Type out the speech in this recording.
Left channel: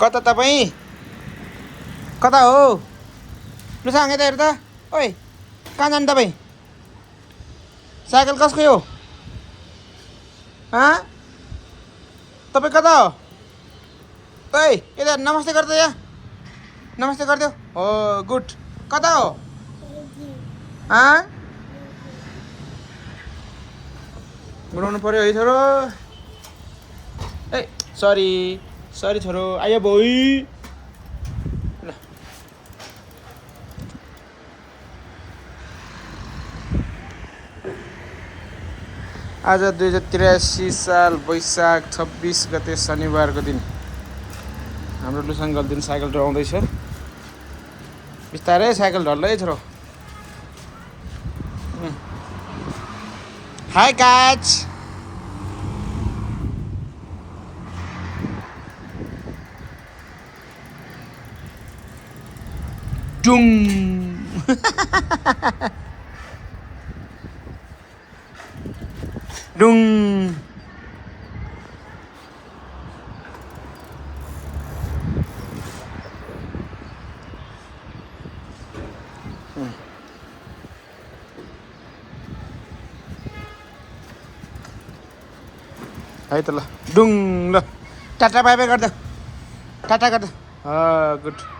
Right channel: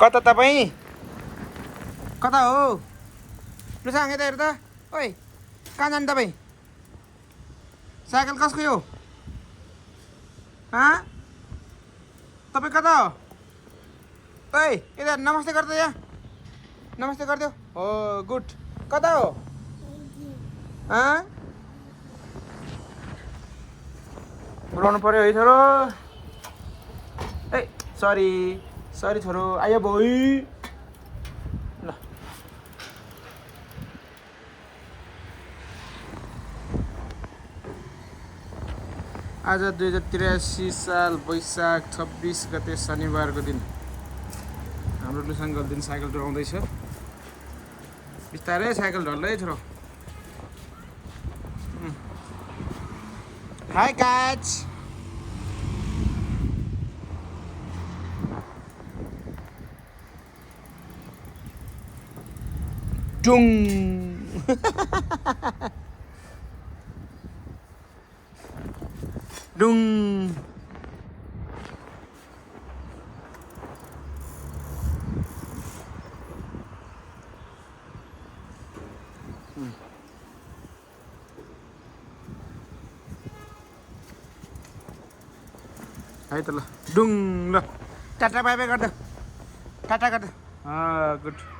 कता तपाईँ कता हो लु सँग यता हेर त ओइ कहाँ जानु तपाईँ साइकल कसको हो तपाईँ कता हो ओइ यता नमस्ते गर्दा यहाँ नमस्ते गरिदेऊ हो गुड कता हो उडाउनु पर्यो है छोरो ए सरी सरी छोरो आयो भोइ ल आज 2083 साल वैशाख 26 गते शनिबारको दिन हाम्रो लुसाङ गल्दिन साइकल चलाउँदैछ बिस्तारै साइकल ढल्लै छोरो हाई काच डुम डुङ है त ल डुङ ल टाटा बाई बाई गरिदेऊ टाटा गरिदेऊ गुड